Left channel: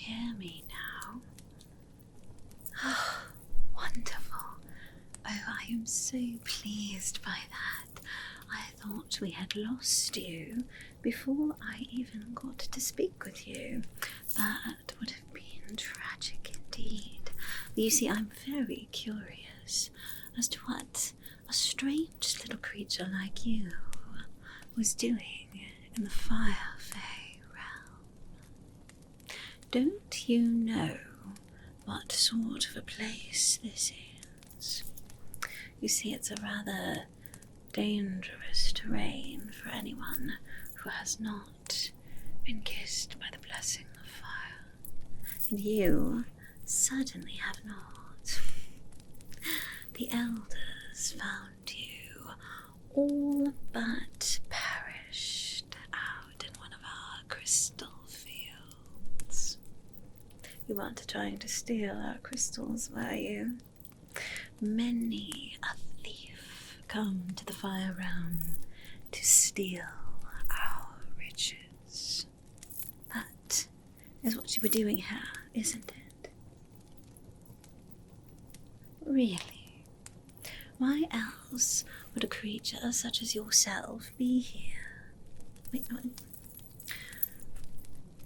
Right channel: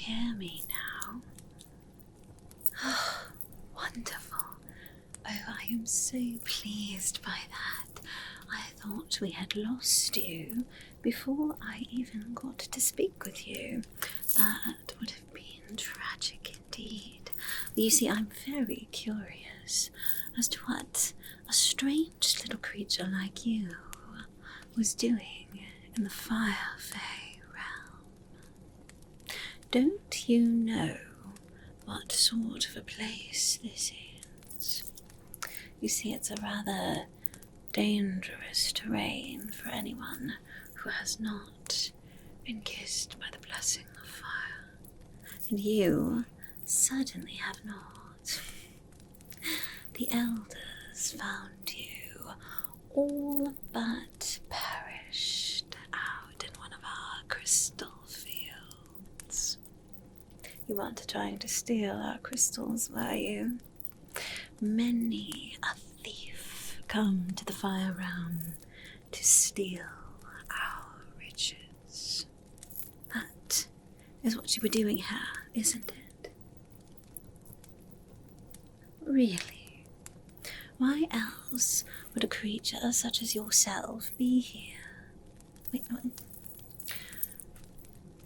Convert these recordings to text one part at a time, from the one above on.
hear me now? Wonderful. Oh, I am so pleased by that. I thought we had lost you before I even got to speak with you. That would have been tragic indeed. But you see, I'm very curious as to what a strange little creature like you was doing in the Fire Fey realm. Don't you know what sort of a place this is? You see, it's a rather dangerous terrain for anyone who has not been kissed by the blessing of fire. And you certainly have not. The elders found you all but perished out in one of our crystal fields. You weren't trying to steal our crystals, were you? Many a thief come to the fire realm to steal our riches. That is what you were doing here, isn't it? Really? Why else would a creature such as yourself be here? Wait,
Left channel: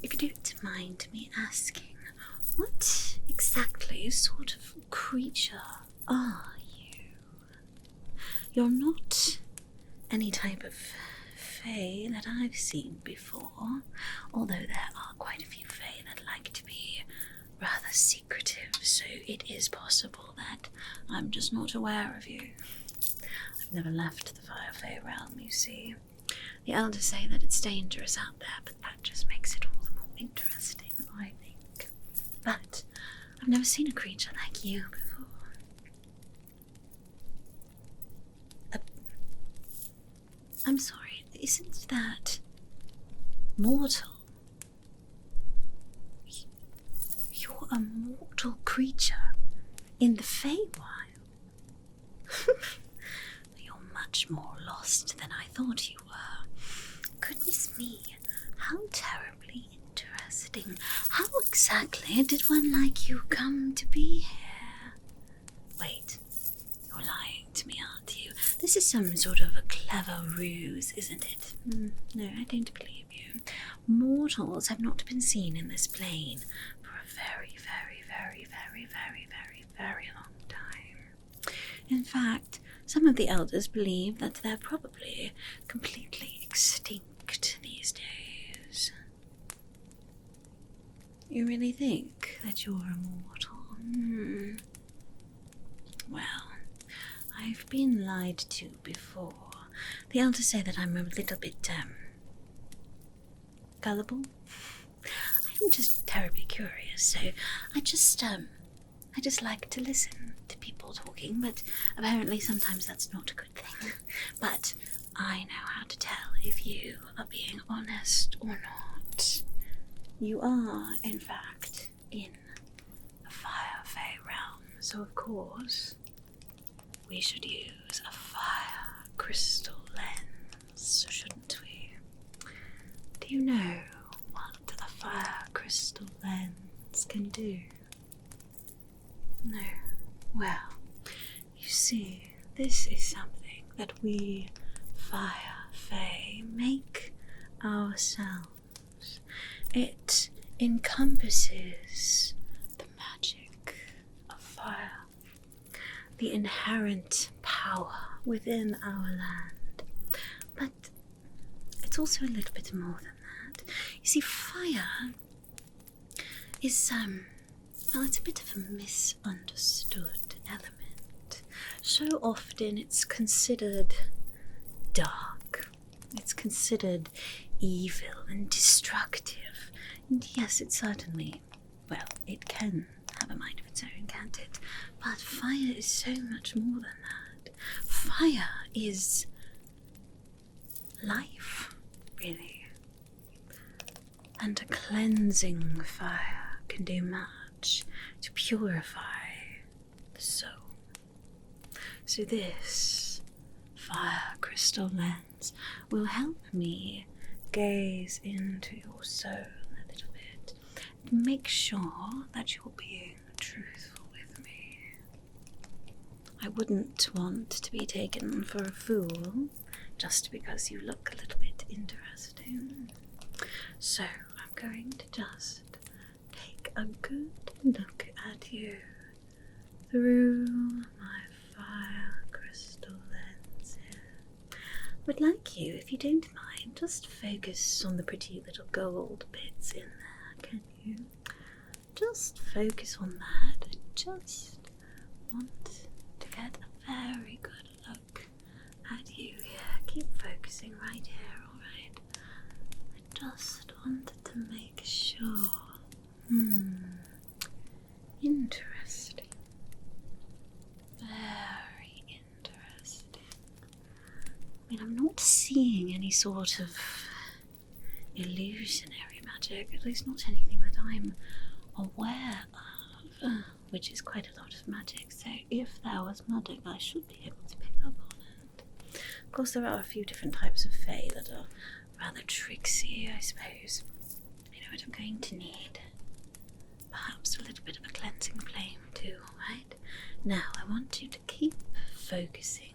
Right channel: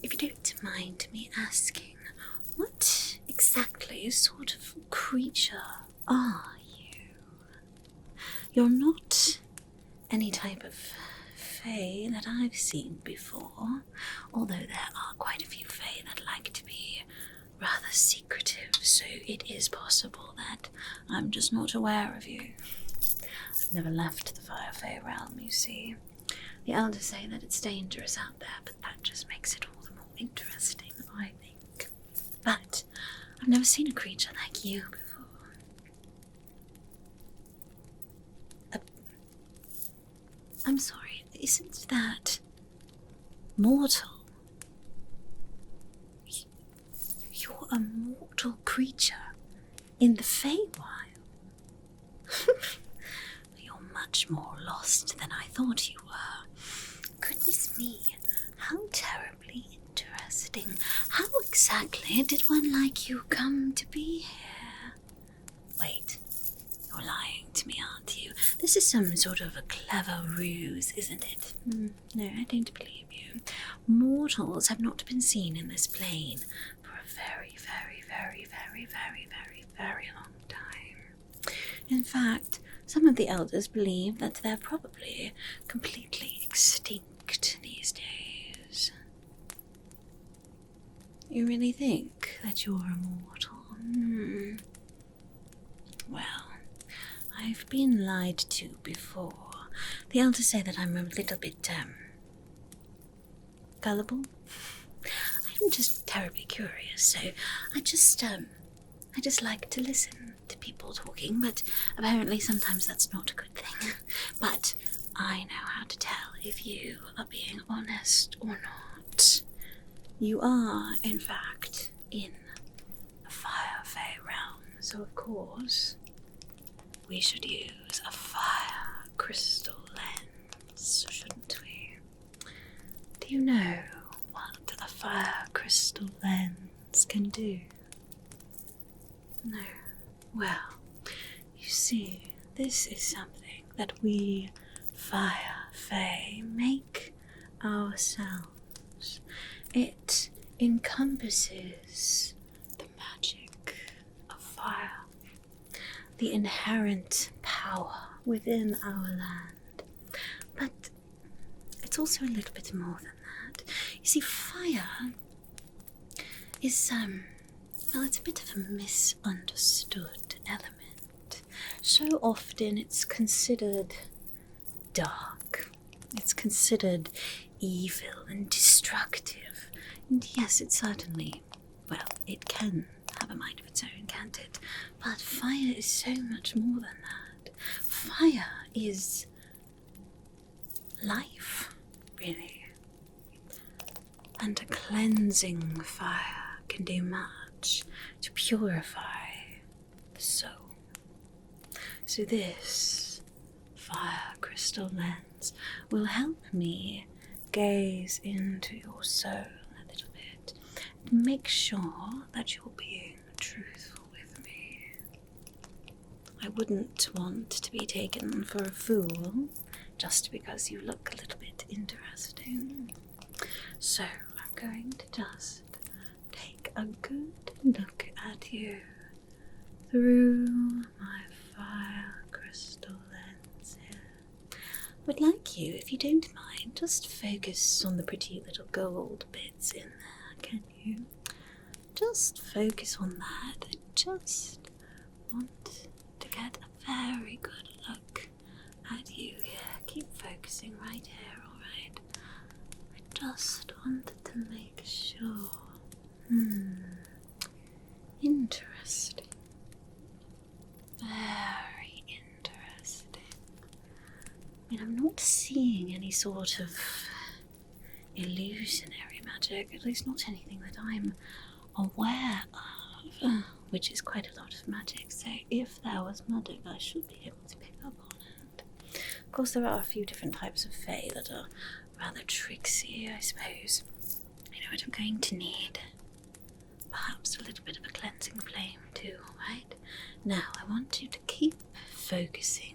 if you don't mind me asking, what exactly sort of creature are you? You're not any type of Fey that I've seen before, although there are quite a few Fey that like to be rather secretive, so it is possible that I'm just not aware of you. I've never left the Fire Fey realm, you see. The elders say that it's dangerous out there, but that just makes it all the more interesting, I think. But I've never seen a creature like you before. I'm sorry, isn't that mortal? You're a mortal creature in the Feywild. You're much more lost than I thought you were. Goodness me, how terribly interesting. How exactly did one like you come to be here? Wait, you're lying to me, aren't you? This is some sort of a clever ruse, isn't it? No, I don't believe you. Mortals have not been seen in this plane for a very, very, very, very, very, very, very long time. In fact, some of the elders believe that they're probably completely extinct these days. You really think that you're immortal? Well, I've been lied to before. The elders say that I'm a little bit, gullible. I'm just terribly curious, so I just like to listen to people talking, but apparently sometimes that's not a good thing. But I know how to tell if you are being honest or not. You are, in fact, in the Fire Fey realm, so of course we should use a fire crystal lens, shouldn't we? Do you know what a fire crystal lens can do? No. Well, you see, this is something that we Fire Fey make ourselves. It encompasses the magic of fire, the inherent power within our land. But it's also a little bit more than that. You see, fire is, well, it's a bit of a misunderstood element. So often it's considered dark. It's considered evil and destructive. And yes, it certainly, well, it can have a mind of its own, can't it? But fire is so much more than that. Fire is life, really. And a cleansing fire can do much to purify the soul. So this fire crystal lens will help me gaze into your soul a little bit make sure that you're being truthful with me. I wouldn't want to be taken for a fool just because you look a little bit interesting. So I'm going to just take a good look at you through my fire crystal lens here. Would like you, if you don't mind, just focus on the pretty little gold bits in there, can you? Just focus on that. I just want to get a very good look at you here. Keep focusing right here, alright? I just wanted to make sure. Interesting. Very interesting. I mean, I'm not seeing any sort of illusionary magic, at least not anything that I'm aware of, which is quite a lot of magic, so if there was magic I should be able to pick up on it. Of course, there are a few different types of Fey that are rather tricksy, I suppose. You know what I'm going to need? Perhaps a little bit of a cleansing flame too, right? Now, I want you to keep focusing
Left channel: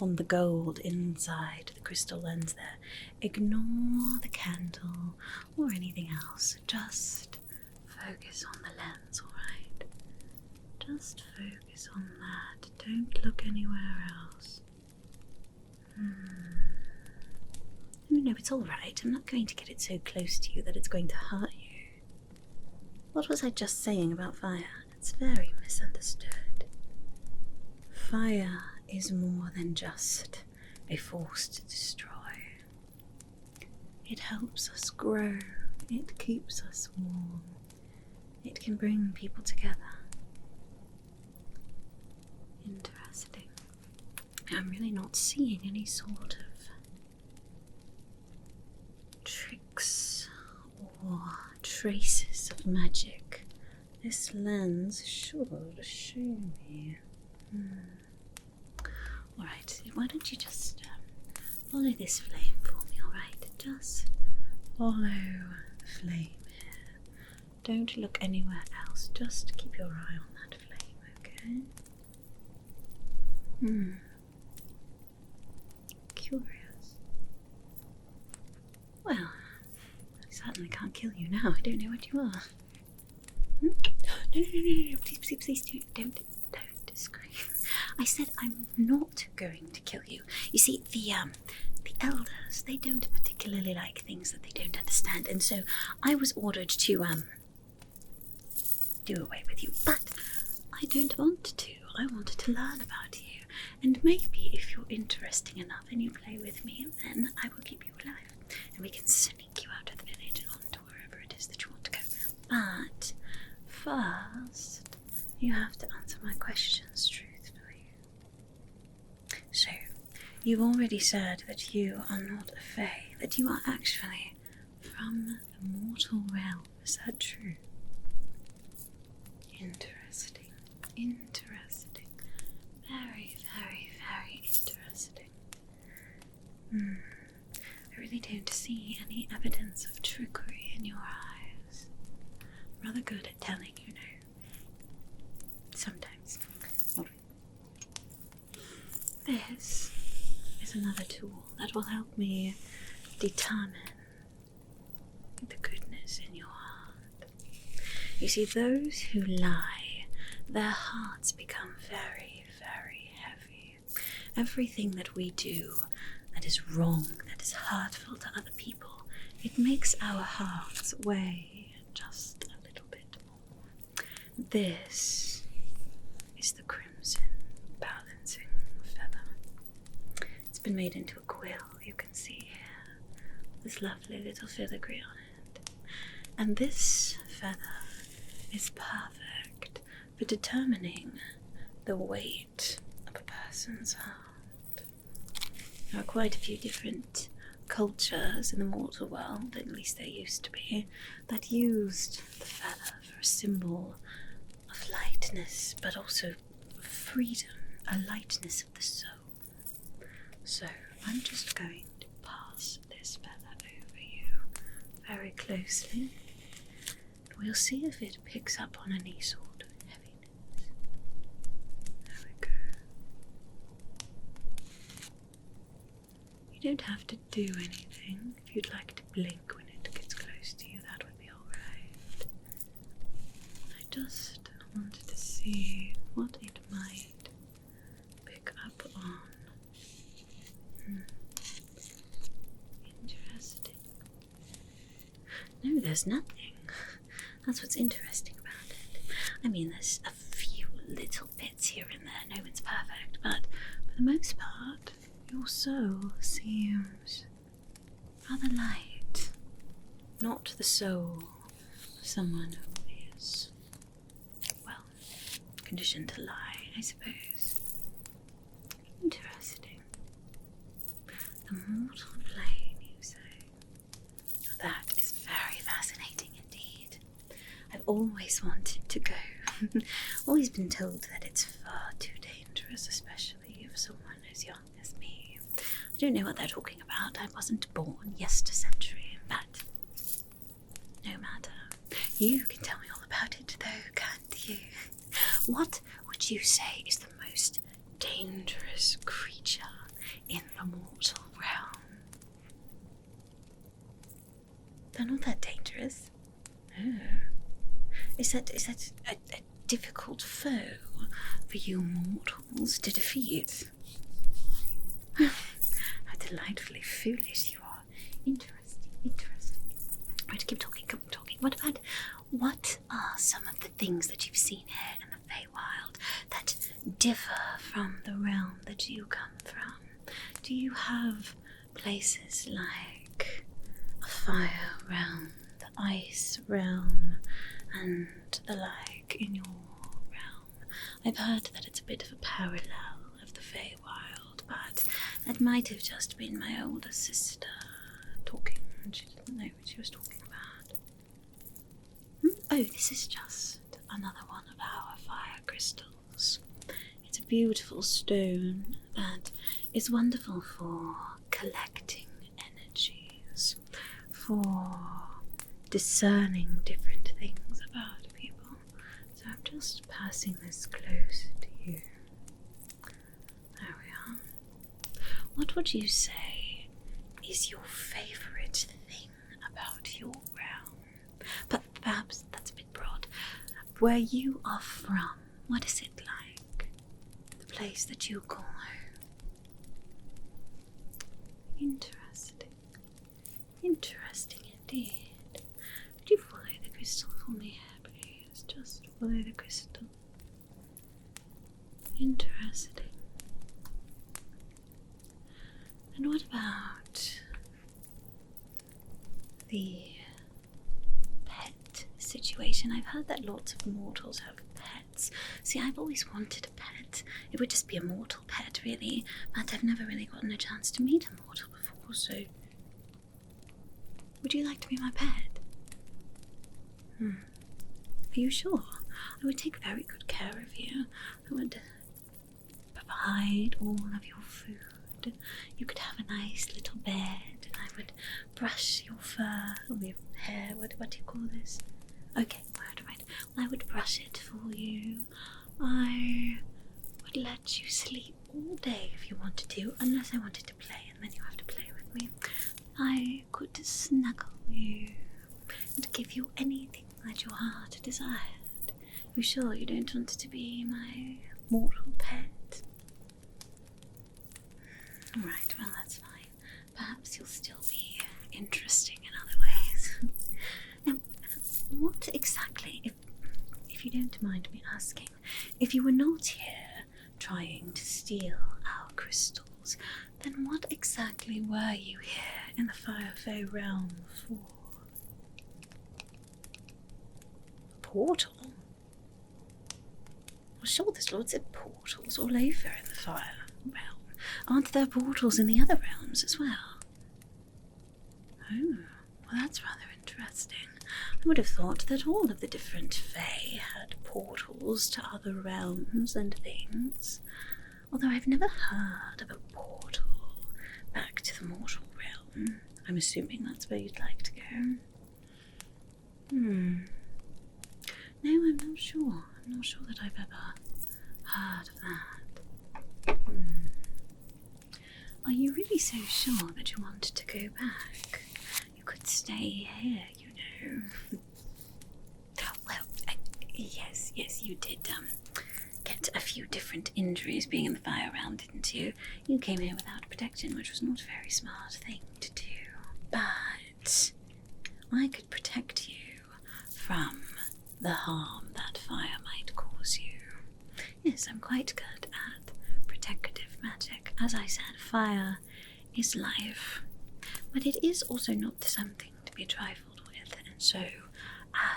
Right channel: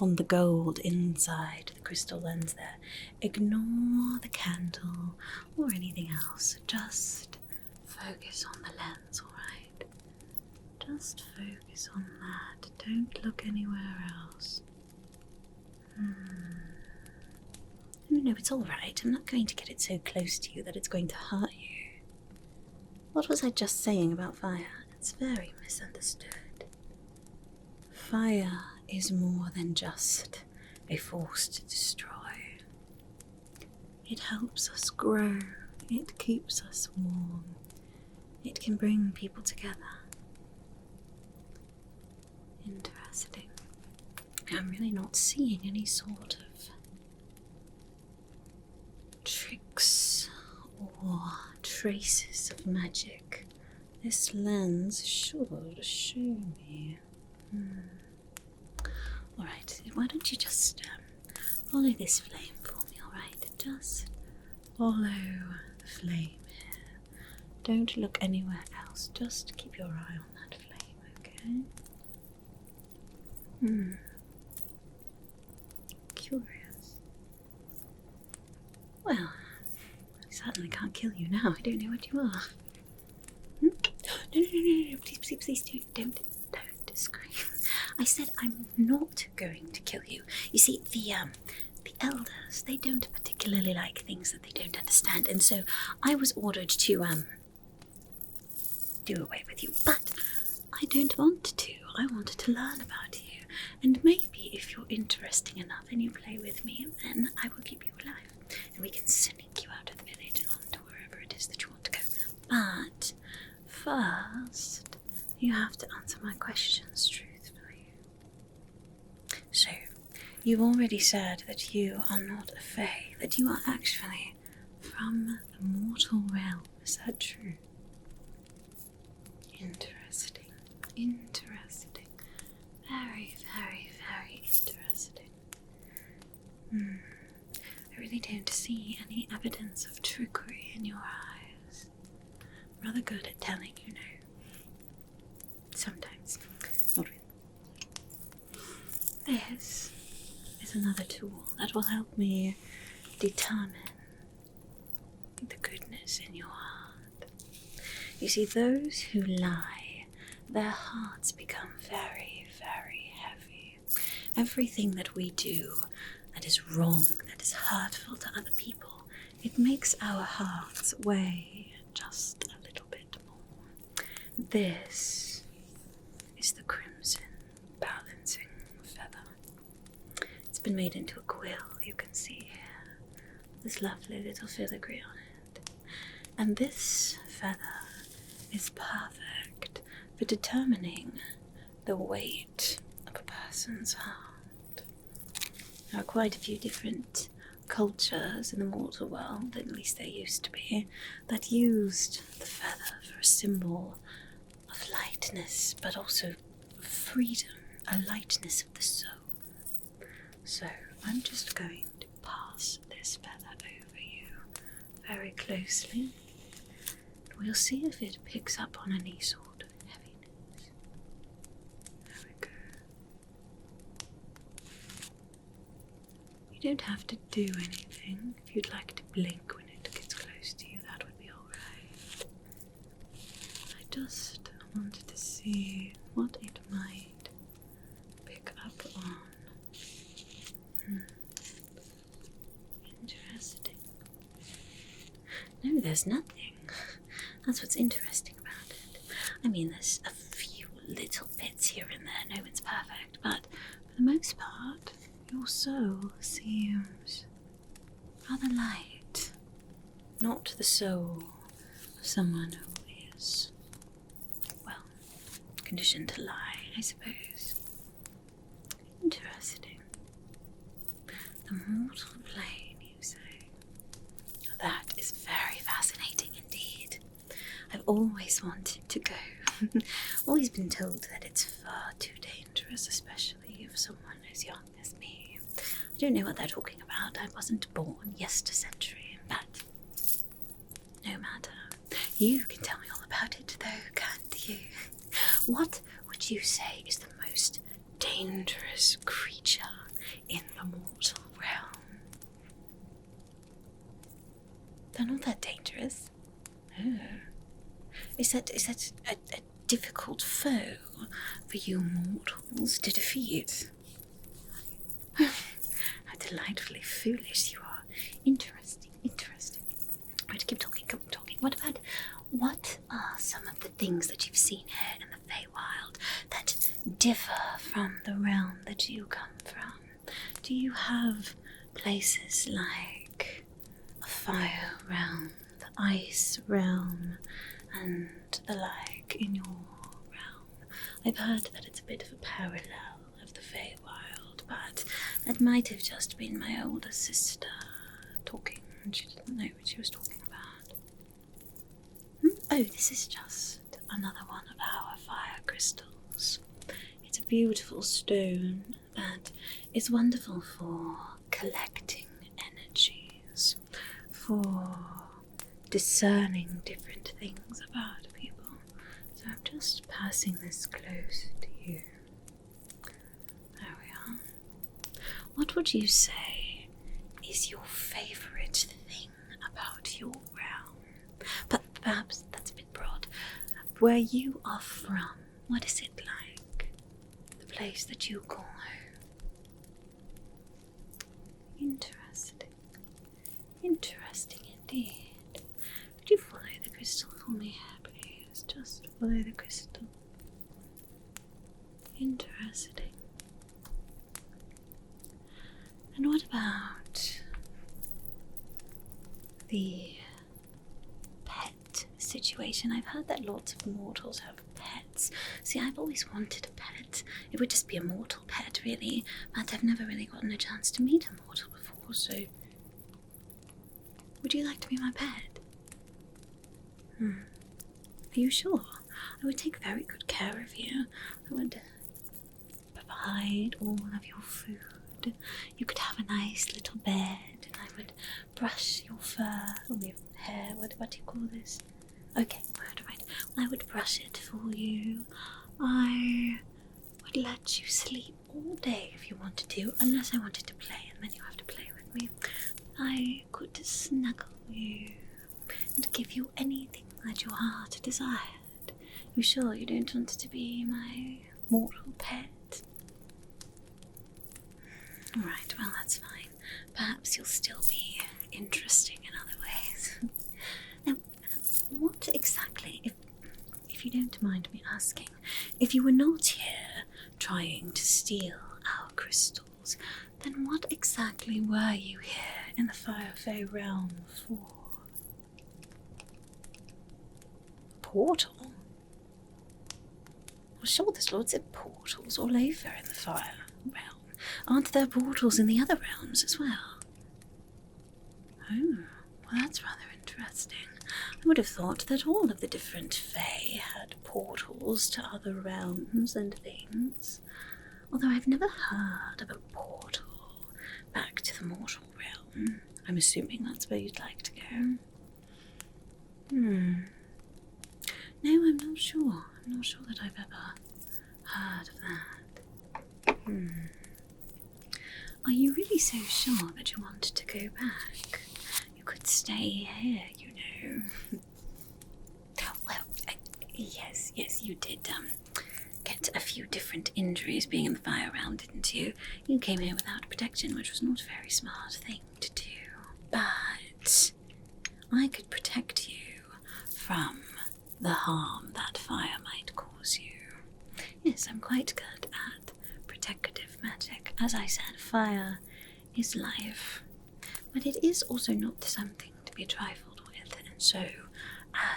on the gold inside the crystal lens there. Ignore the candle or anything else. Just focus on the lens, alright? Just focus on that. Don't look anywhere else. No, it's alright. I'm not going to get it so close to you that it's going to hurt you. What was I just saying about fire? It's very misunderstood. Fire is more than just a force to destroy. It helps us grow. It keeps us warm. It can bring people together. Interesting. I'm really not seeing any sort of tricks or traces of magic. This lens should show me. Alright, why don't you just follow this flame for me, alright? Just follow the flame here. Don't look anywhere else. Just keep your eye on that flame, okay? Curious. Well, I certainly can't kill you now. I don't know what you are. No. Please, don't scream. I said I'm not going to kill you. You see, the elders, they don't particularly like things that they don't understand, and so I was ordered to, do away with you. But I don't want to. I wanted to learn about you, and maybe if you're interesting enough and you play with me, then I will keep you alive, and we can sneak you out of the village and on to wherever it is that you want to go. But first, you have to answer my questions truthfully. So, you've already said that you are not a Fey, that you are actually from the mortal realm. Is that true? Interesting. Very, very, very interesting. I really don't see any evidence of trickery in your eyes. Rather good at telling, you know. Sometimes. Not really. This is another tool that will help me determine the goodness in your heart. You see, those who lie, their hearts become very, very heavy. Everything that we do that is wrong, that is hurtful to other people, it makes our hearts weigh just a little bit more. This is the crimson balancing feather. It's been made into a quill, you can see here. This lovely little filigree on it. And this feather is perfect for determining the weight of a person's heart. There are quite a few different cultures in the mortal world, at least there used to be, that used the feather for a symbol of lightness, but also freedom, a lightness of the soul. So I'm just going to pass this feather over you very closely. we'll see if it picks up on any sort of heaviness. There we go. You don't have to do anything. If you'd like to blink when it gets close to you, that would be alright. I just wanted to see what it might pick up on. Interesting. No, there's nothing. That's what's interesting about it. I mean, there's a few little bits here and there. No one's perfect, but for the most part, your soul seems rather light. Not the soul of someone who is, well, conditioned to lie, I suppose. Interesting. The mortal plane, you say? That is very fascinating indeed. I've always wanted to go. Always been told that it's far too dangerous, especially for someone as young as me. I don't know what they're talking about. I wasn't born yesterday, but no matter. You can tell me all about it, though, can't you? What would you say is the most dangerous creature in the mortal realm? They're not that dangerous. Oh. Is that a difficult foe for you mortals to defeat? How delightfully foolish you are. Interesting. Right, keep talking. What are some of the things that you've seen here in the Feywild that differ from the realm that you come from? Do you have places like a fire realm, the ice realm, and the like in your realm? I've heard that it's a bit of a parallel of the Feywild, but that might have just been my older sister talking, and she didn't know what she was talking about. Oh, this is just another one of our fire crystals. It's a beautiful stone that is wonderful for collecting energies, for discerning different things about people. So I'm just passing this close to you. There we are. What would you say is your favourite thing about your realm? But perhaps that's a bit broad. Where you are from, what is it like? The place that you call home. Interesting indeed. Could you follow the crystal for me, please? Just follow the crystal. Interesting. And what about the pet situation? I've heard that lots of mortals have pets. See, I've always wanted a pet. It would just be a mortal pet, really, but I've never really gotten a chance to meet a mortal before, so would you like to be my pet? Are you sure? I would take very good care of you. I would provide all of your food. You could have a nice little bed, and I would brush your fur or your hair. What do you call this? Okay, right. Well, I would brush it for you. I would let you sleep all day if you wanted to, unless I wanted to play, and then you have to play with me. I could snuggle you and give you anything that your heart desired. You sure you don't want to be my mortal pet? Alright, well, that's fine. Perhaps you'll still be interesting in other ways. Now, what exactly, if you don't mind me asking, if you were not here trying to steal our crystals, then what exactly were you here in the Fire Fey realm for? A portal? Well, sure, there's lots of portals all over in the Fire realm. Aren't there portals in the other realms as well? Oh, well, that's rather interesting. I would have thought that all of the different Fae had portals to other realms and things. Although I've never heard of a portal back to the mortal realm. I'm assuming that's where you'd like to go. No, I'm not sure. I'm not sure that I've ever heard of that. Are you really so sure that you want to go back? You could stay here, you know. Well, yes, you did get a few different injuries being in the fire round, didn't you? You came here without protection, which was not a very smart thing to do. But I could protect you from the harm that fire might cause you. Yes, I'm quite good at protective magic. As I said, fire is life. But it is also not something to be trifled with, and so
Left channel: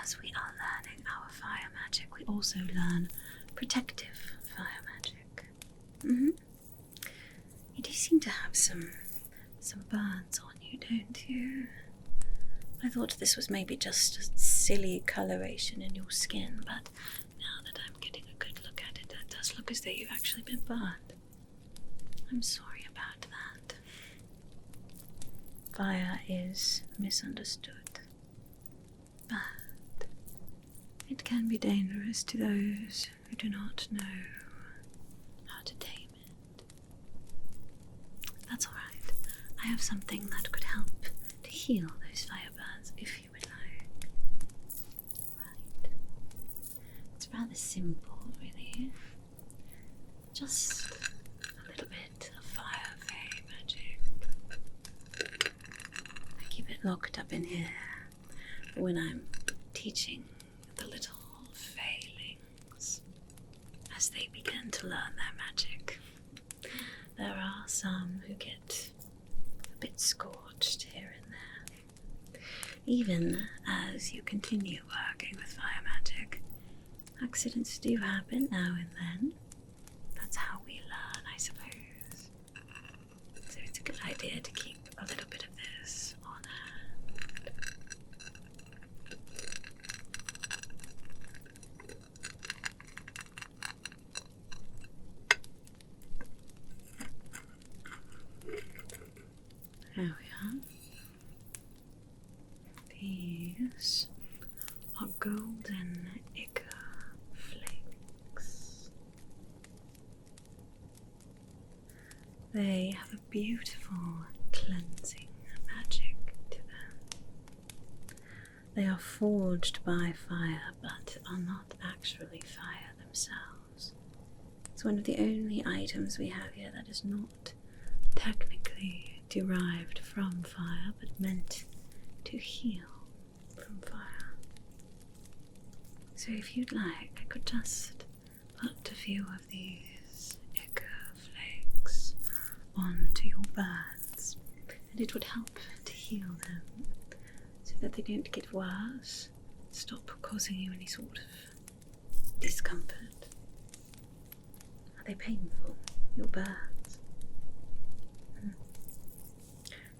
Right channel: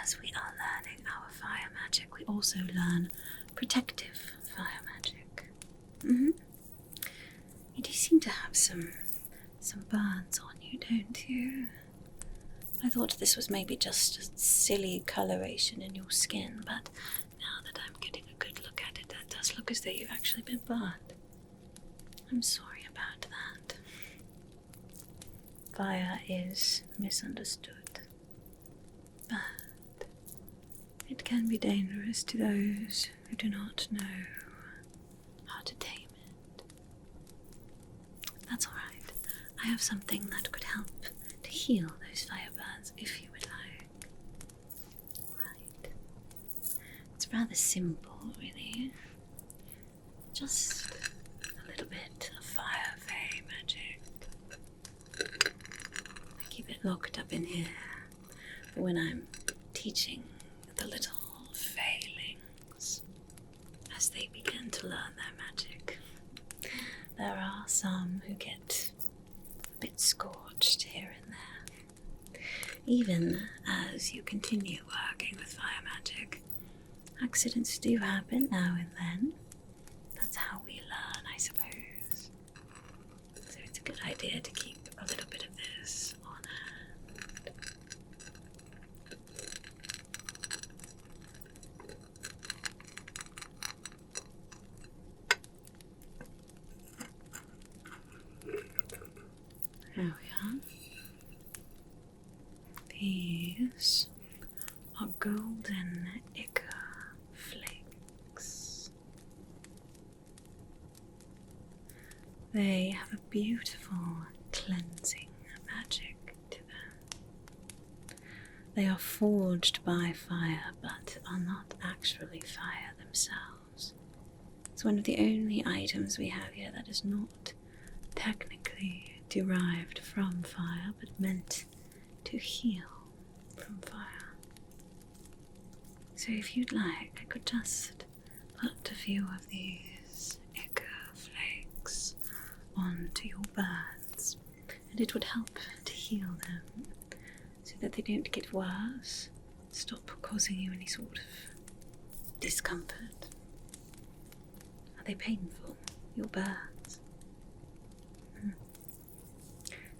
as we are learning our fire magic, we also learn protective fire magic. You do seem to have some burns on you, don't you? I thought this was maybe just a silly coloration in your skin, but now that I'm getting a good look at it, it does look as though you've actually been burned. I'm sorry about that. Fire is misunderstood, but it can be dangerous to those who do not know how to tame it. That's alright. I have something that could help to heal those fire burns if you would like. Right. It's rather simple, really. Just a little bit of Fire Fey magic. I keep it locked up in here when I'm teaching the little failings as they begin to learn their magic. There are some who get a bit scorched here and there. Even as you continue working with fire magic, accidents do happen now and then. That's how we learn, I suppose. So it's a good idea to keep a little bit of this on hand. There we are. These are golden ichor flakes. They have a beautiful cleansing magic to them. They are forged by fire, but are not actually fire themselves. It's one of the only items we have here that is not technically derived from fire, but meant to heal from fire. So if you'd like, I could just put a few of these ichor flakes onto your burns, and it would help to heal them so that they don't get worse, stop causing you any sort of discomfort. Are they painful, your burns?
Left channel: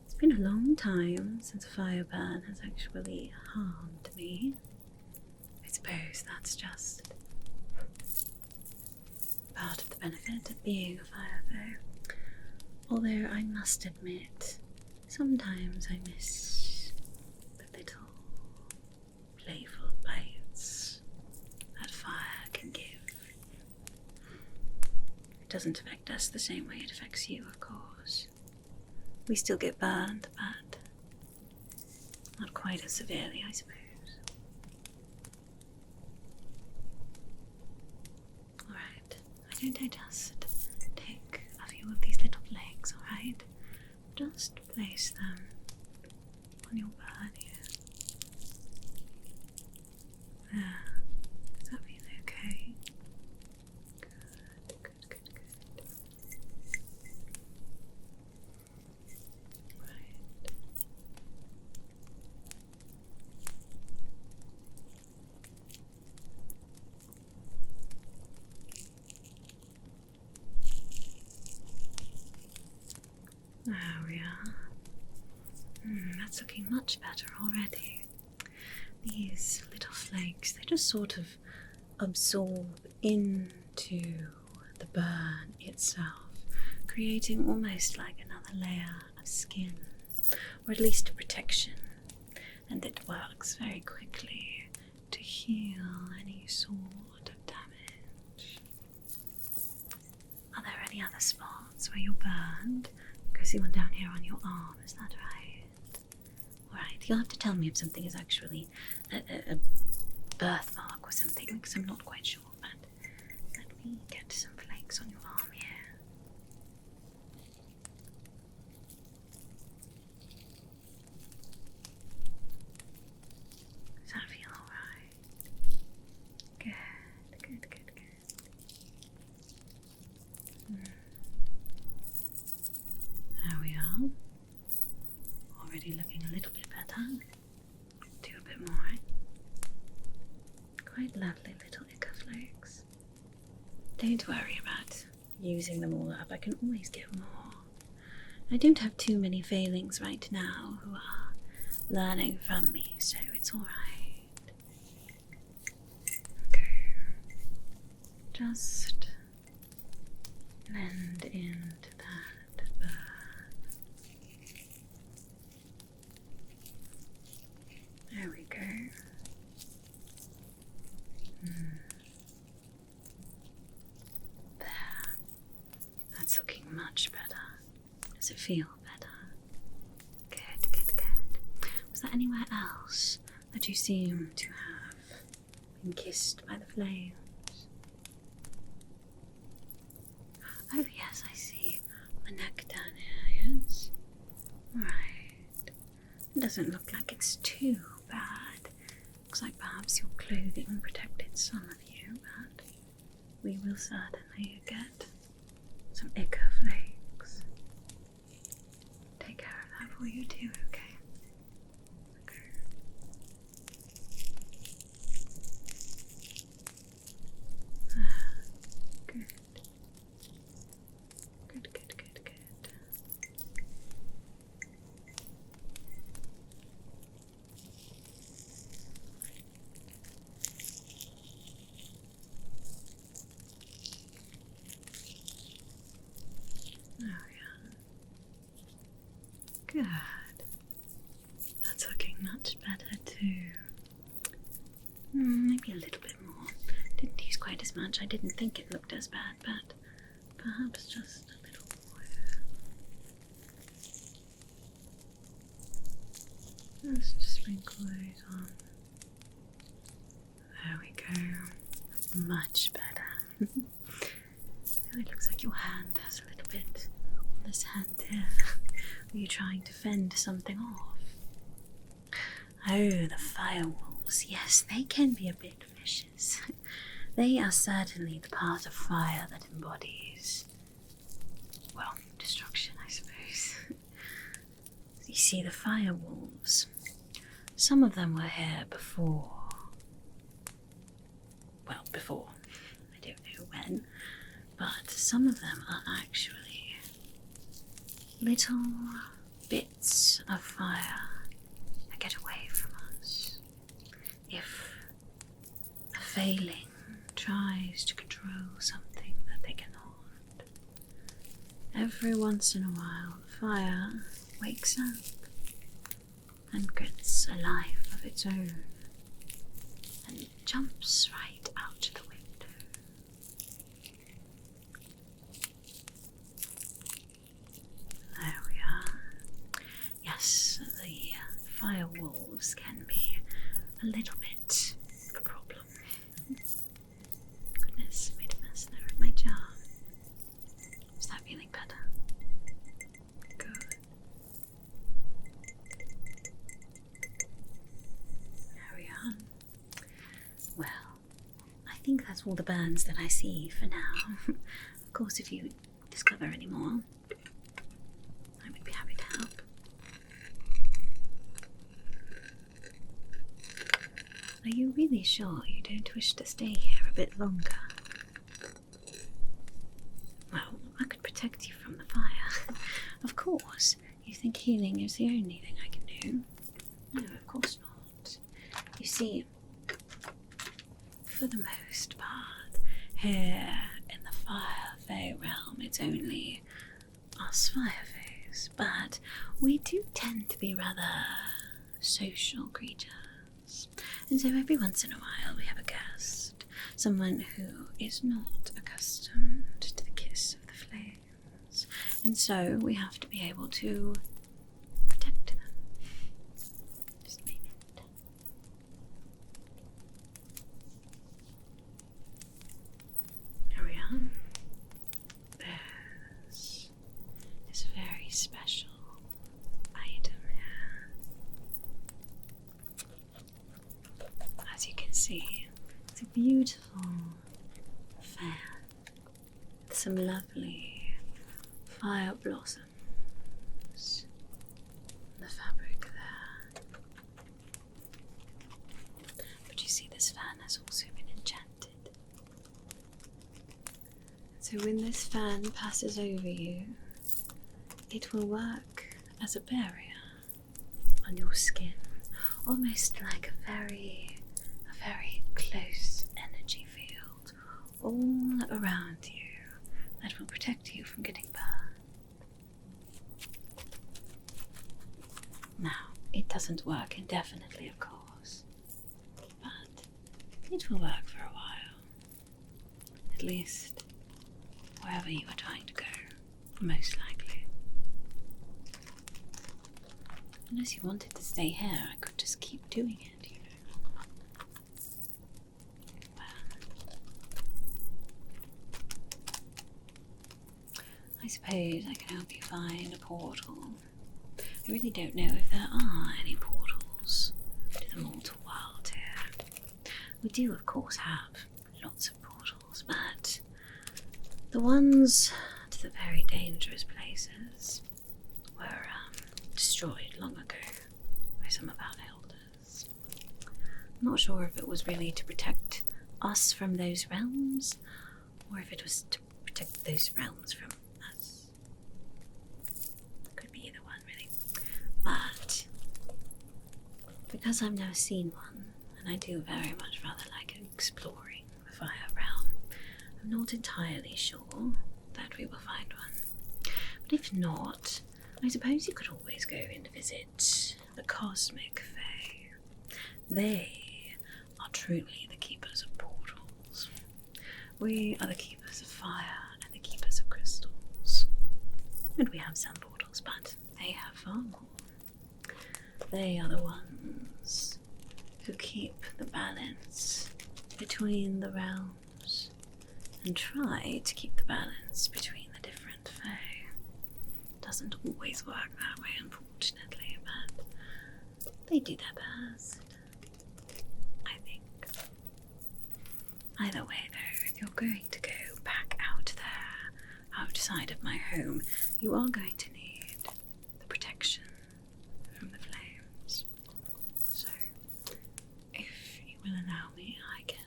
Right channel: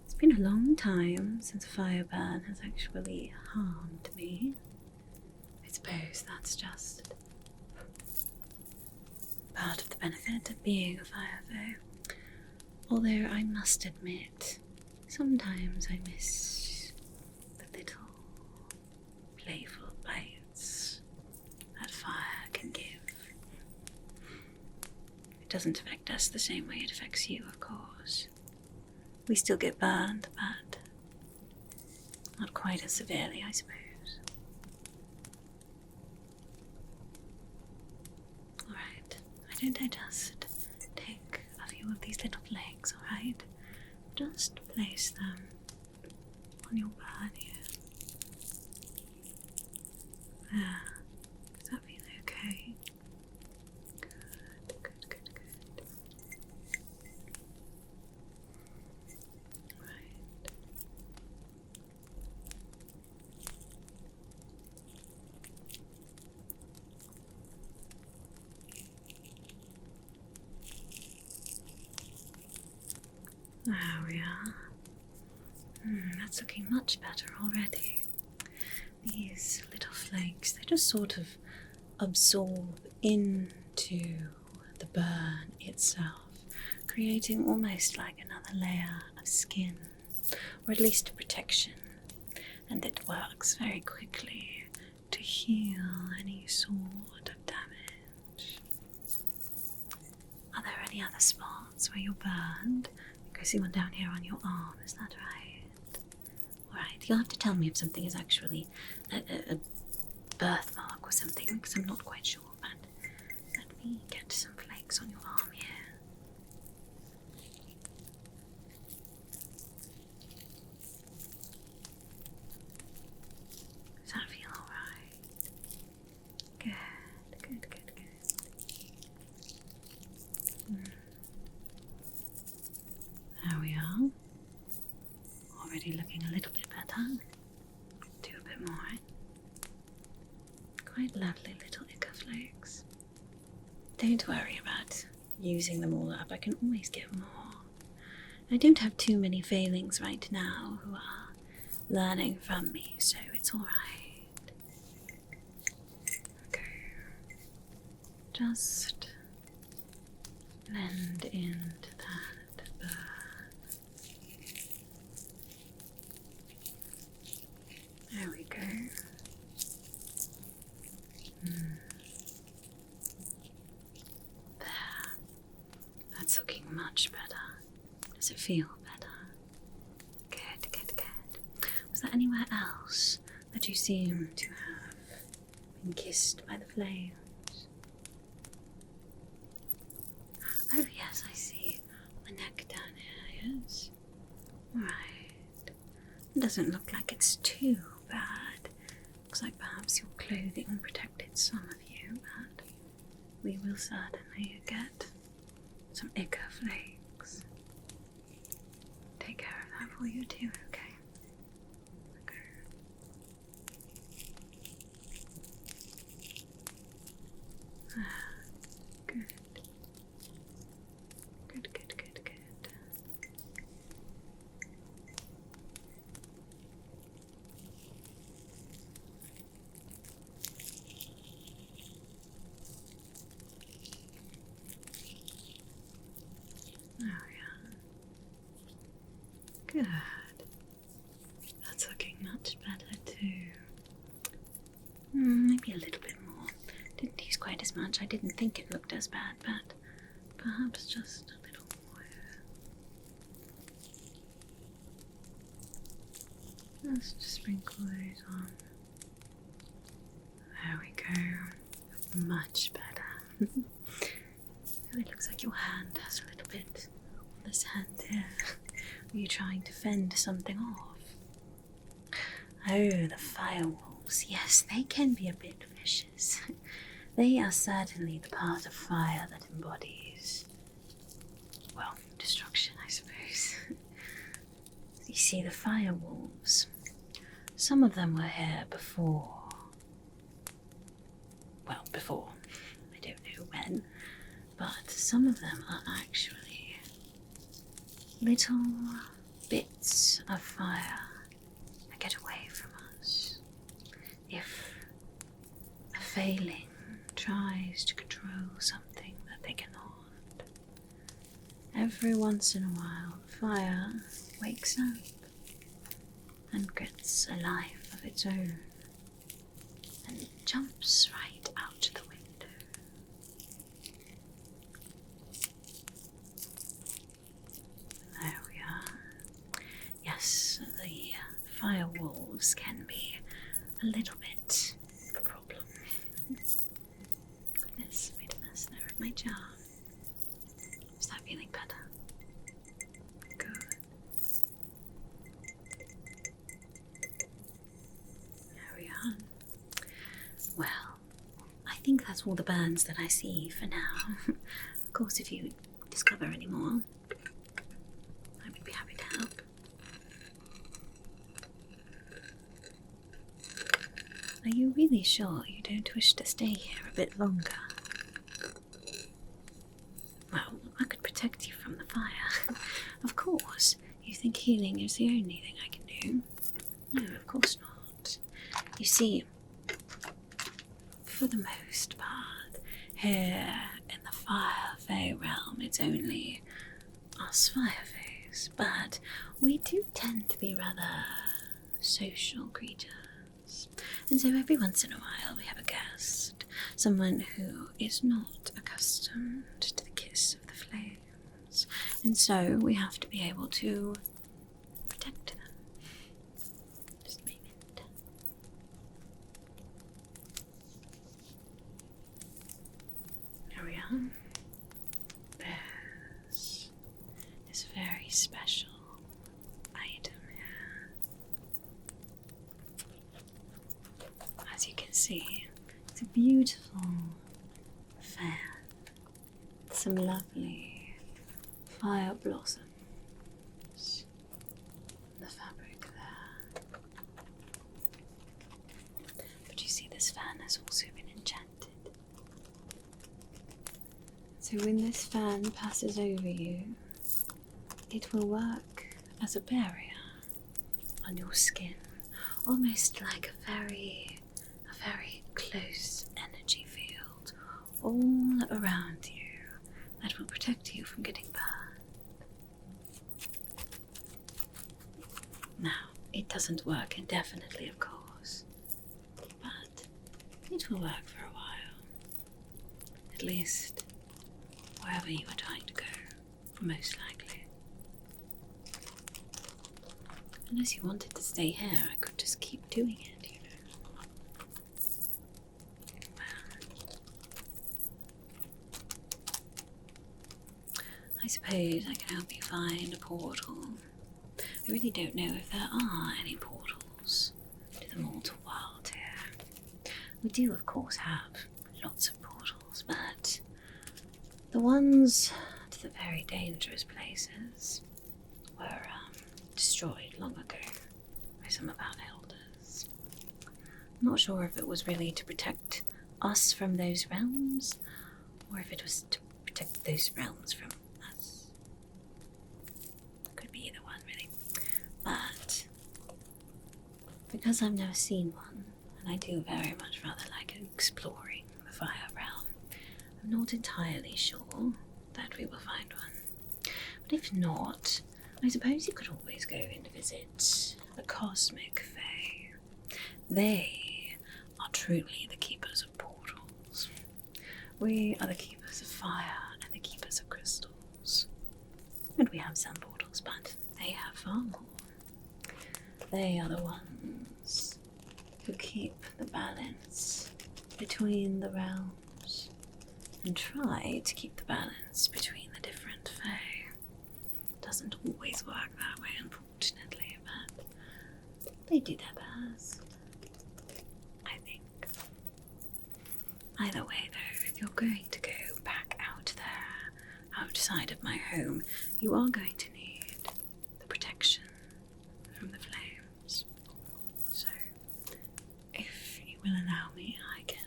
It's been a long time since a fire burn has actually harmed me. I suppose that's just part of the benefit of being a Fire Fey. Although I must admit, sometimes I miss the little playful bites that fire can give. It doesn't affect us the same way it affects you, of course. We still get burned, but not quite as severely, I suppose. Alright, why don't I just take a few of these little flakes, alright? Just place them on your burn here. There. Does that feel okay? Good. There we are. That's looking much better already. These little flakes, they just sort of absorb into the burn itself, creating almost like another layer of skin, or at least protection. And it works very quickly to heal any sort of damage. Are there any other spots where you're burned? I see one down here on your arm, is that right? Alright, you'll have to tell me if something is actually a birthmark or something, because I'm not quite sure, but let me get some flakes on your arm here. Does that feel alright? Good. There we are. Already looking a little bit better. Do a bit more. Quite lovely little ichor flakes. Don't worry about using them all up. I can always get more. I don't have too many failings right now who are learning from me, so it's alright. Okay. Just blend into that burn. There we go. There. That's looking much better. Does it feel better? Good. Was there anywhere else that you seem to have been kissed by the flames? Oh yes, I see. A neck down here, yes? Right. It doesn't look like it's too bad. Looks like perhaps your clothing protected some of you, but we will certainly get some ichor flakes. Take care of that for you too, okay? Good. There we are. Good. That's looking much better too. Maybe a little bit more. Didn't use quite as much. I didn't think it looked as bad, but perhaps just a little more. Just sprinkle those on. There we go. Much better. It looks like your hand has a little bit on this hand here. Were you trying to fend something off? Oh, the fire wolves. Yes, they can be a bit vicious. They are certainly the part of fire that embodies, well, destruction, I suppose. You see, the fire wolves, some of them were here before. Well, before. I don't know when. But some of them are actually little bits of fire that get away from us. If a failing tries to control something that they cannot, every once in a while the fire wakes up and gets a life of its own and jumps right out the window. There we are. Yes, the fire wolves can be a little bit of a problem. Goodness, made a mess there at my jar. Is that feeling better? Good. There we are. Well, I think that's all the burns that I see for now. Of course, if you discover any more, I would be happy to help. Are you really sure you don't wish to stay here a bit longer? Well, I could protect you from the fire. Of course. You think healing is the only thing I can do? No, of course not. You see, for the most part, here in the Fire Fey realm, it's only us Fire Feys, but we do tend to be rather social creatures. And so every once in a while we have a guest, someone who is not accustomed to the kiss of the flames. And so we have to be able to protect them. Just a minute. There we are. There's this very special item here. As you can see, it's a beautiful fair. Some lovely fire blossoms. The fabric there. But you see, this fan has also been enchanted. So when this fan passes over you, it will work as a barrier on your skin, almost like a very close energy field all around you that will protect you from getting burned. Now, it doesn't work indefinitely, of course, but it will work for a while. At least, wherever you are trying to go, most likely. Unless you wanted to stay here, I could just keep doing it, you know. I suppose I can help you find a portal. I really don't know if there are any portals to the mortal world here. We do, of course, have lots of portals, but the ones to the very dangerous places were destroyed long ago by some of our elders. I'm not sure if it was really to protect us from those realms, or if it was to protect those realms from us. Could be either one, really. But because I've never seen one, and I do very much rather like exploring the fire realm, I'm not entirely sure that we will find one. But if not, I suppose you could always go and visit the cosmic Fey. They are truly the keepers of portals. We are the keepers of fire and the keepers of crystals. And we have some portals, but they have far more. They are the ones who keep the balance between the realms and try to keep the balance between the different Fey. Doesn't always work that way, unfortunately, but they do their best, I think. Either way, though, if you're going to go back out there, outside of my home, you are going to need the protection from the flames. So, if you will allow me, I can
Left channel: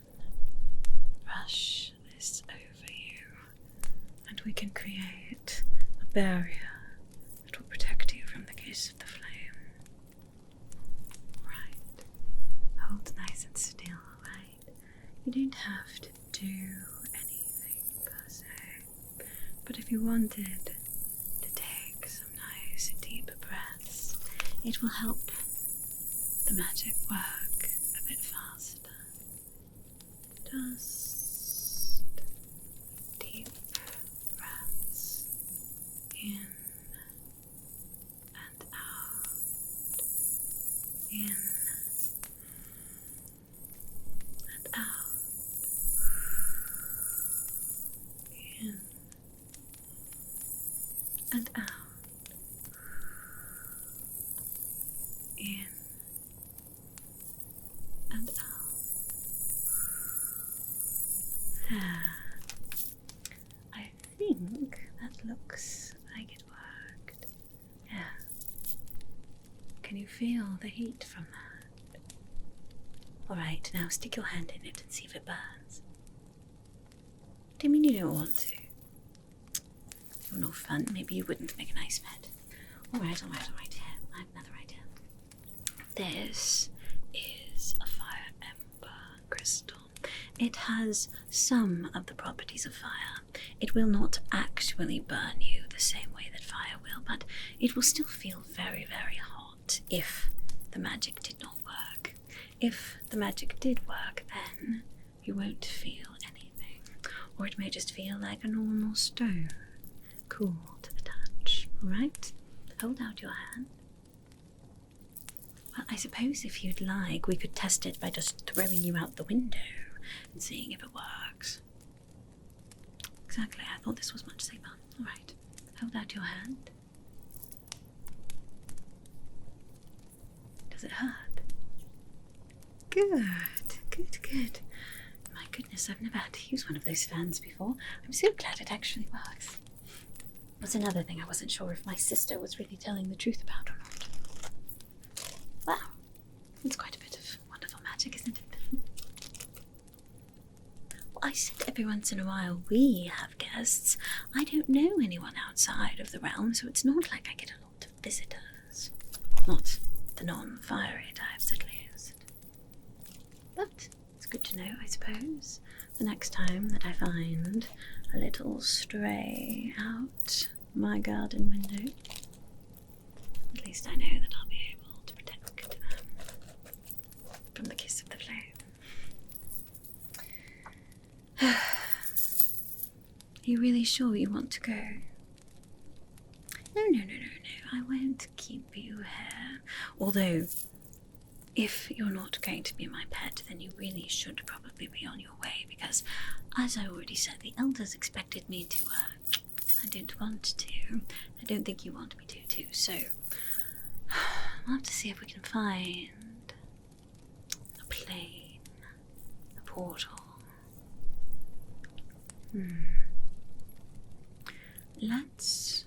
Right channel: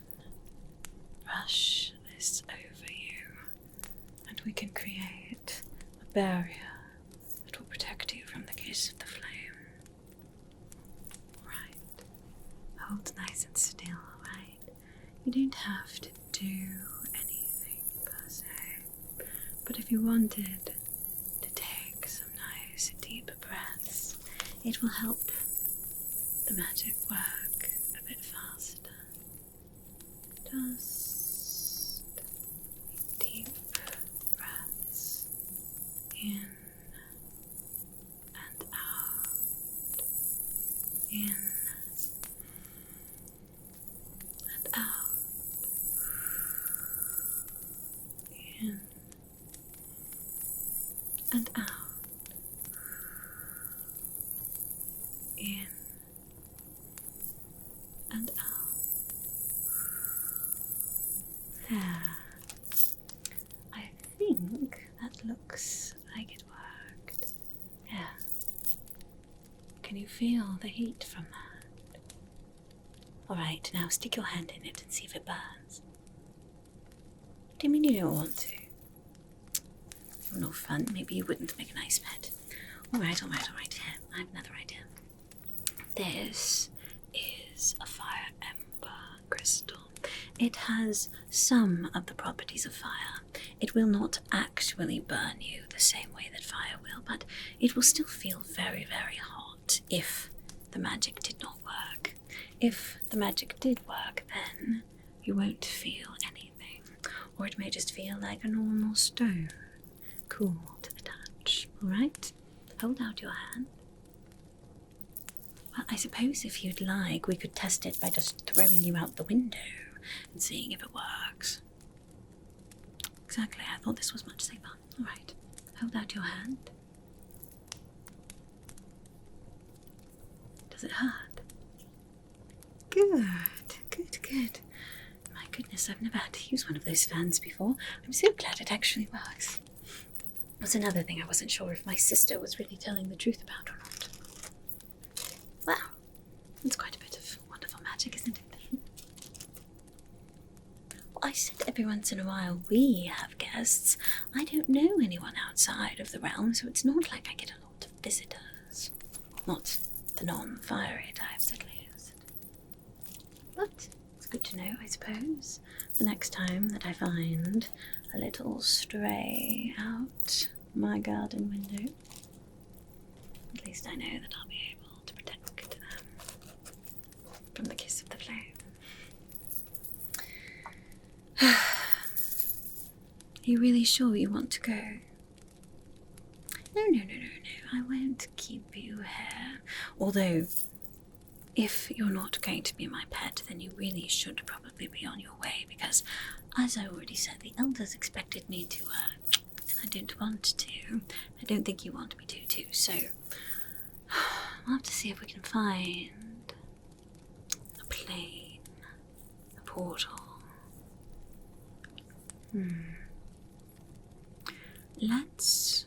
brush this over you, and we can create a barrier that will protect you from the kiss of the flame. Right. Hold nice and still, right? You don't have to do anything per se. But if you wanted to take some nice deep breaths, it will help the magic work a bit faster. Just deep breaths in and out, in and out, in and out, in and out. There. I think that looks like it worked. Yeah. Can you feel the heat from that? Alright, now stick your hand in it and see if it burns. Do you mean you don't want to? You're no fun. Maybe you wouldn't make a nice pet. Alright. Here, I have another idea. This is a fire ember crystal. It has some of the properties of fire. It will not actually burn you the same way that fire will, but it will still feel very, very hot if the magic did not work. if the magic did work, then you won't feel anything, or it may just feel like a normal stone, cool to the touch. Alright? Hold out your hand. Well, I suppose if you'd like, we could test it by just throwing you out the window and seeing if it works. Exactly, I thought this was much safer. Alright, hold out your hand. Does it hurt? Good, good. My goodness, I've never had to use one of those fans before. I'm so glad it actually works. That's another thing I wasn't sure if my sister was really telling the truth about or not. Wow, it's quite a bit of wonderful magic, isn't it? Well, I said every once in a while we have guests. I don't know anyone outside of the realm, so it's not like I get a lot of visitors. Not the non-fiery types, at least. But it's good to know, I suppose, the next time that I find a little stray out my garden window. At least I know that I'll be able to protect them from the kiss of the flame. Are you really sure you want to go? No, I won't keep you here. Although, if you're not going to be my pet, then you really should probably be on your way, because, as I already said, the elders expected me to, and I don't want to. I don't think you want me to, too, so I'll have to see if we can find a plane, a portal. Let's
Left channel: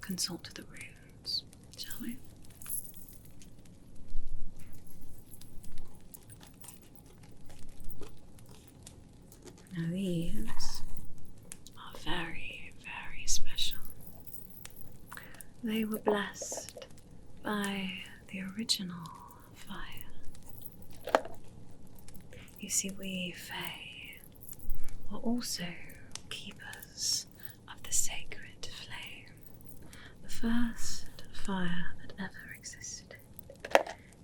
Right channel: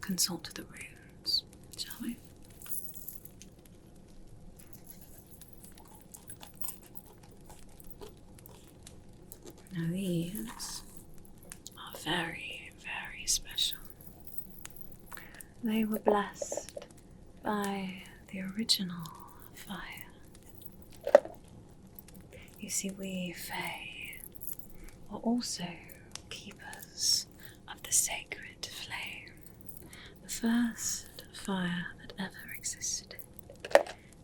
consult the runes, shall we? Now these are very, very special. They were blessed by the original fire. You see, we Fey are also keepers of the sacred flame, the first fire that ever existed.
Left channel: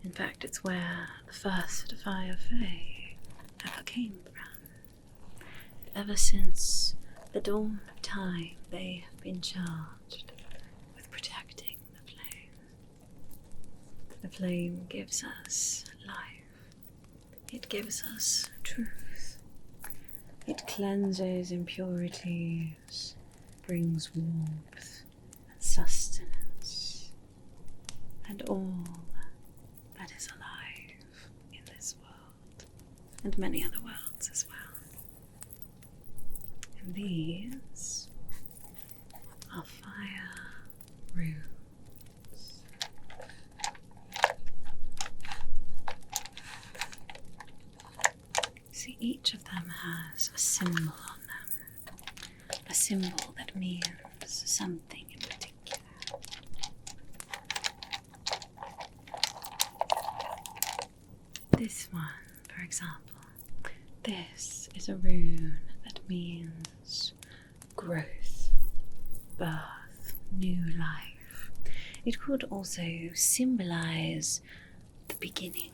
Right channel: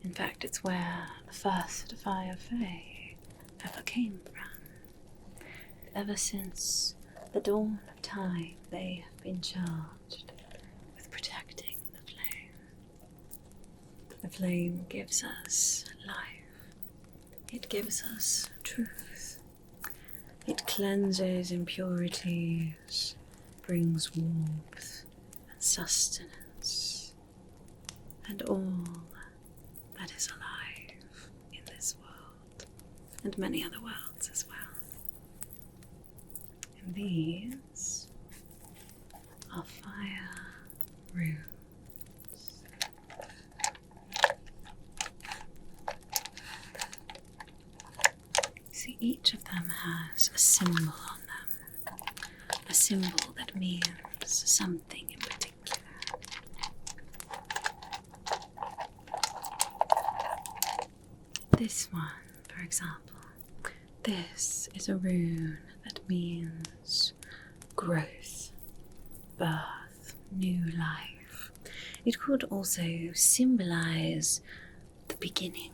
In fact, it's where the first Fire Fey ever came from. Ever since the dawn of time, they have been charged with protecting the flame. The flame gives us life. It gives us truth. It cleanses impurities, brings warmth and sustenance, and all that is alive in this world, and many other worlds as well. And these are fire runes. See, each of them has a symbol on them, a symbol that means something in particular. This one, for example, this is a rune that means growth, birth, new life. It could also symbolize the beginning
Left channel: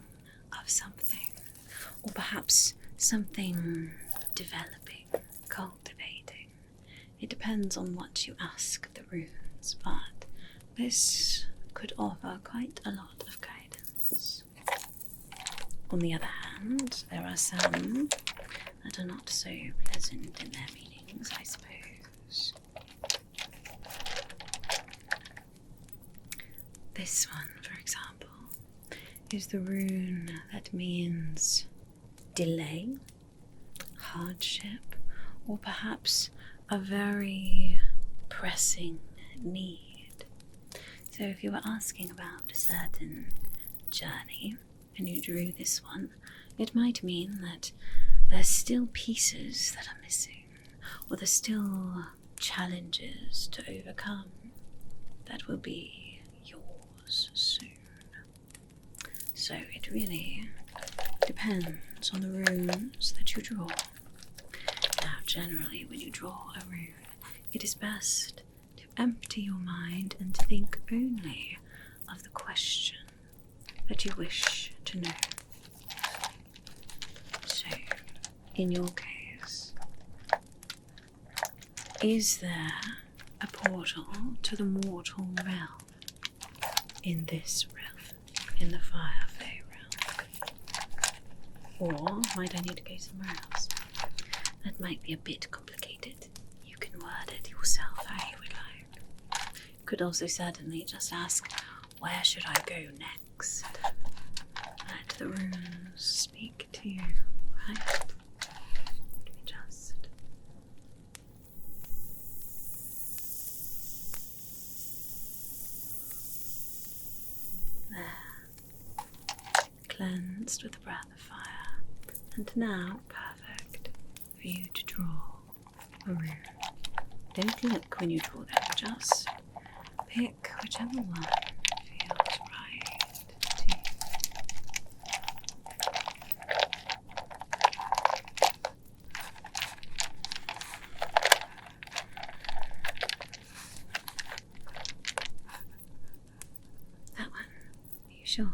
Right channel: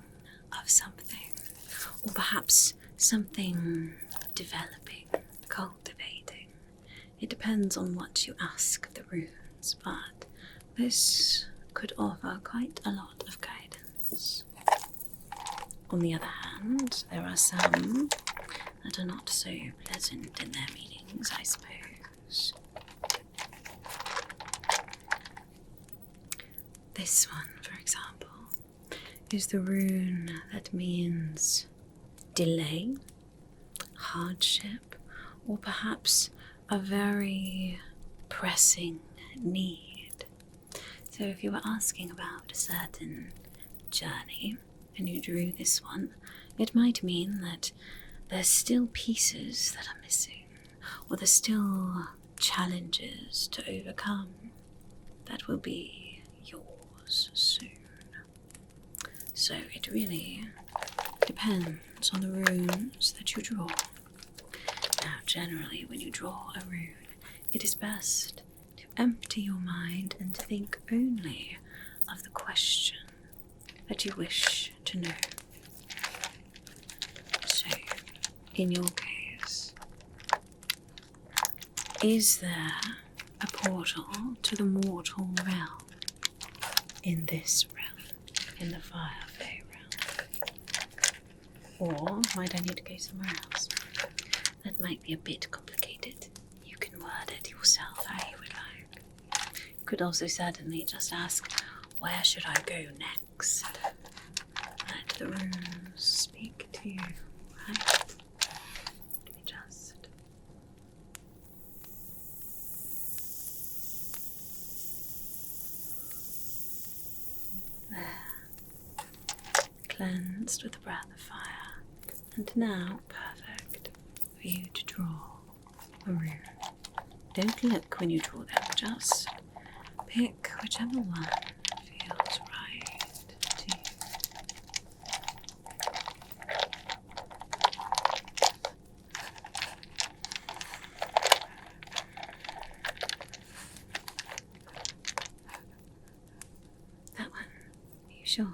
of something, or perhaps something developing, cultivating. It depends on what you ask the runes, but this could offer quite a lot of guidance. On the other hand, there are some that are not so pleasant in their meanings, I suppose. This one, for example, is the rune that means delay, hardship, or perhaps a very pressing need. So if you were asking about a certain journey and you drew this one, it might mean that there's still pieces that are missing, or there's still challenges to overcome that will be yours soon. So it really depends on the runes that you draw. Now, generally, when you draw a rune, it is best to empty your mind and think only of the question that you wish to know. in your case, is there a portal to the mortal realm in this realm, in the Fire Fey realm? Or might I need to go somewhere else? That might be a bit complicated. You can word it yourself how you would like. You could also certainly just ask, where should I go next? Let the runes speak to you, right? Just there, cleansed with the breath of fire, and now perfect for you to draw a rune. Don't look when you draw them, just pick whichever one feels right to you. That one, are you sure?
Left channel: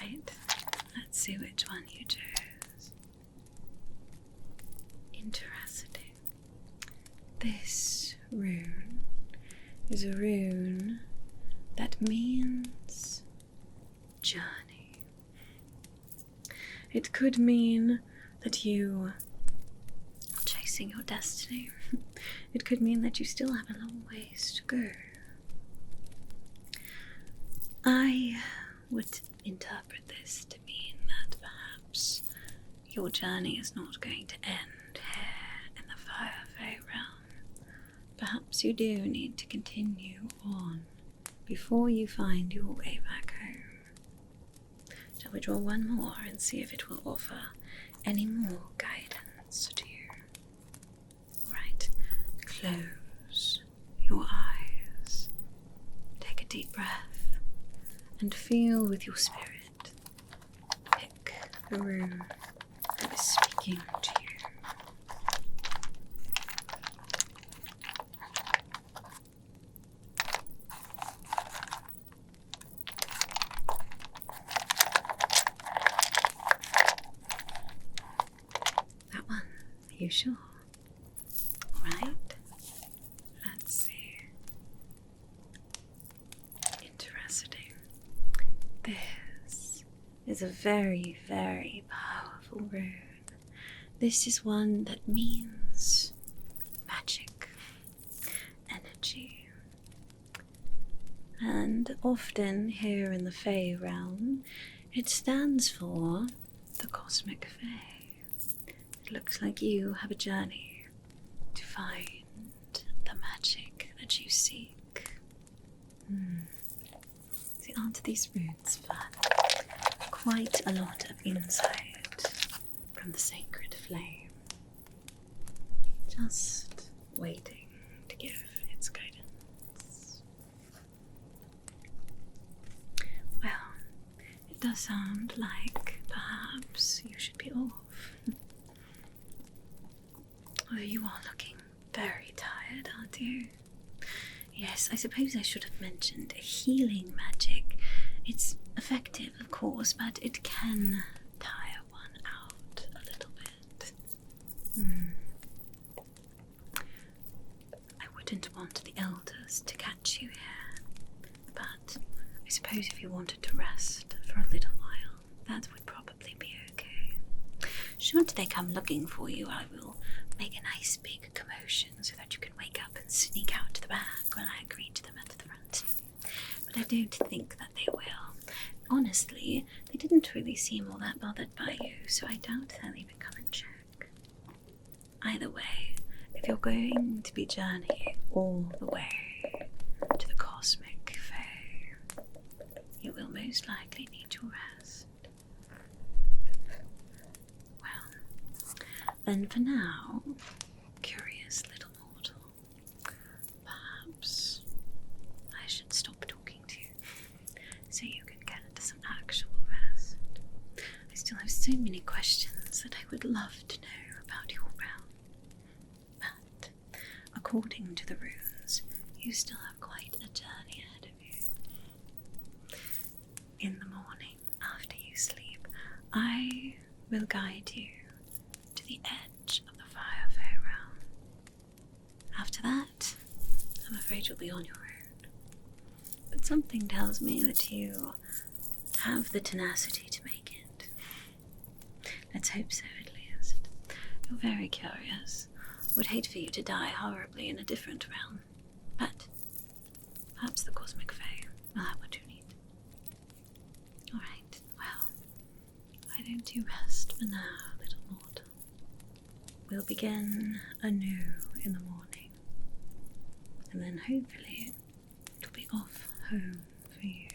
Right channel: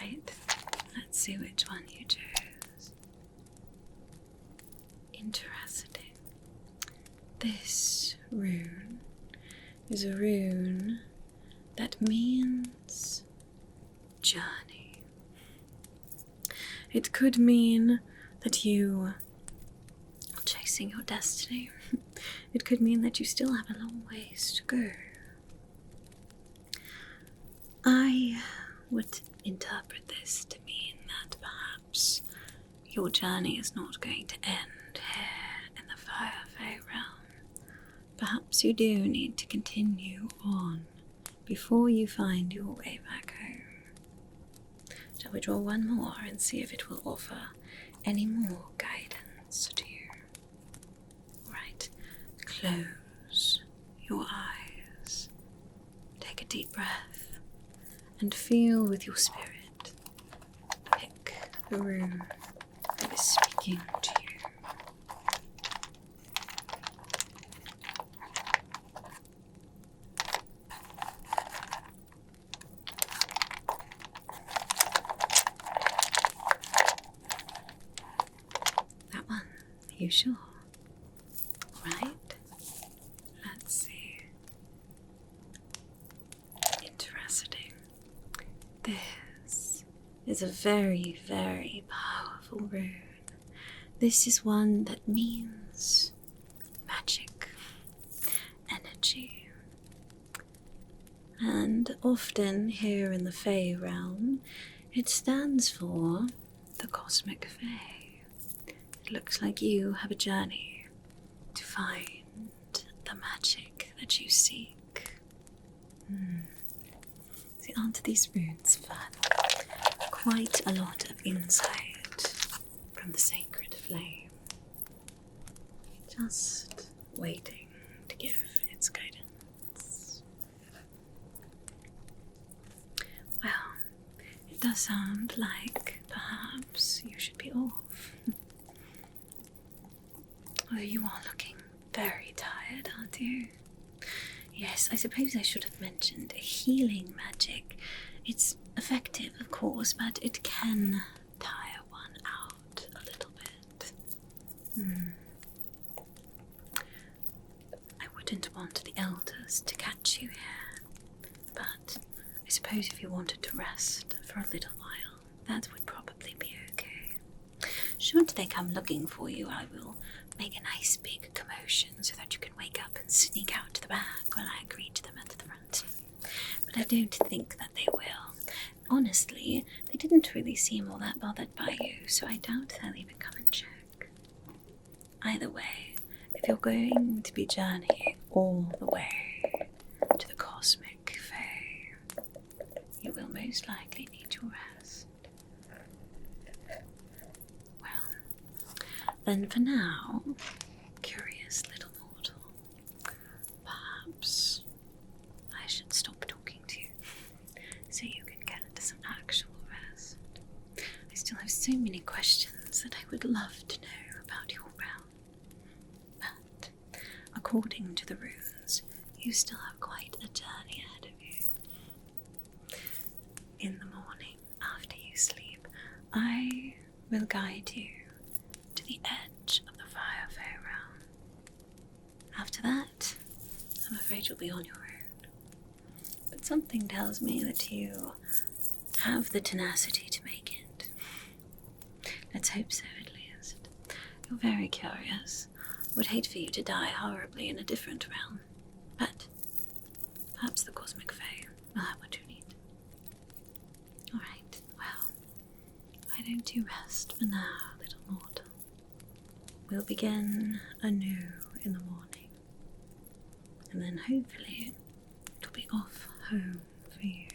Right, let's see which one you chose. Interesting. This rune is a rune that means journey. It could mean that you are chasing your destiny. It could mean that you still have a long ways to go. I would interpret this to mean that perhaps your journey is not going to end here in the Fire Fey realm. Perhaps you do need to continue on before you find your way back home. Shall we draw one more and see if it will offer any more guidance to you? Right, close your eyes, take a deep breath, and feel with your spirit. Pick the rune that is speaking to you. That one, are you sure? Alright, let's see. Interesting. This is a very, very powerful rune. This is one that means magic, energy. And often here in the Fey realm, it stands for the cosmic Fey. It looks like you have a journey to find the magic that you seek. See, aren't these runes fun? Quite a lot of insight from the sacred flame. Just waiting to give its guidance. Well, it does sound like perhaps you should be off. Although you are looking very tired, aren't you? Yes, I suppose I should have mentioned healing magic. It's effective, of course, but it can tire one out a little bit. I wouldn't want the elders to catch you here, but I suppose if you wanted to rest for a little while, that would probably be okay. Should they come looking for you, I will make a nice big commotion so that you can wake up and sneak out to the back when I greet them at the front. But I don't think that they will. Honestly, they didn't really seem all that bothered by you, so I doubt they'll even come and check. Either way, if you're going to be journeying all the way to the cosmic Fey, you will most likely need your rest. Well, then for now, curious little mortal, perhaps I should stop talking to you so you can get into some actual rest. I still have so many questions that I would love to know about your realm. But according to the runes, you still have quite a journey ahead of you. In the morning, after you sleep, I will guide you afraid you'll be on your own. But something tells me that you have the tenacity to make it. Let's hope so, at least. You're very curious. Would hate for you to die horribly in a different realm. But perhaps the cosmic Fey will have what you need. Alright, well, why don't you rest for now, little mortal? We'll begin anew in the morning. And then hopefully it'll be off home for you.